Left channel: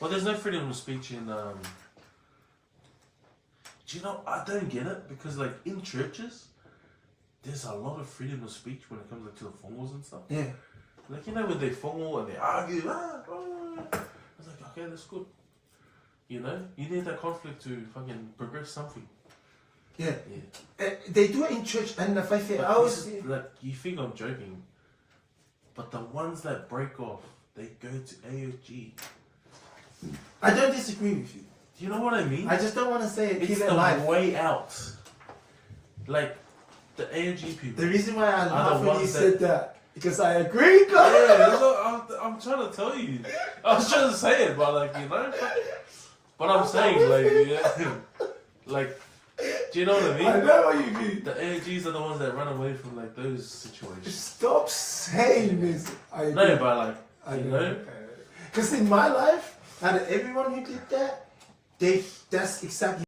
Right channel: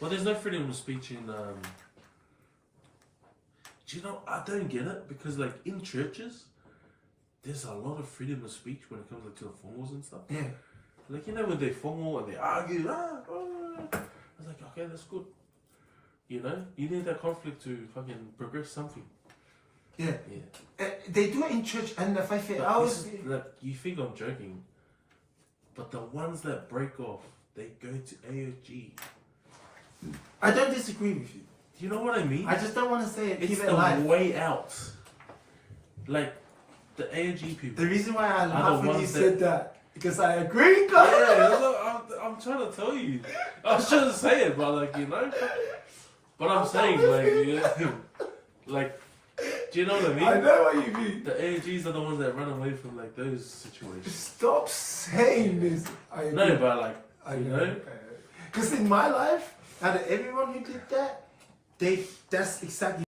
Well, there's no freedom of speech in. Do you know? I don't get it because, like, in churches, there's a lot of freedom of speech when it comes like, to the formals and stuff. Yeah. Like, you know, when they formal and they argue, I was like, okay, that's good. You know, you need that conflict to fucking progress something. Yeah. Yeah. They do it in church, and if I say, like, you think I'm joking, but the ones that break off, they go to AOG. I don't disagree with you. Do you know what I mean? I just don't want to say it. It's the way out. Like, the AOG people. The reason why I laughed when you that... said that, because I agree, guys. Yeah, that's what I'm trying to tell you. I was trying to say it, but like, you know. But I'm saying, like, yeah, like, do you know what I mean? I know what you mean. The AOGs are the ones that run away from like those situations. Stop saying this. I agree. No, but like, you know. Because in my life, out of everyone who did that, that's exactly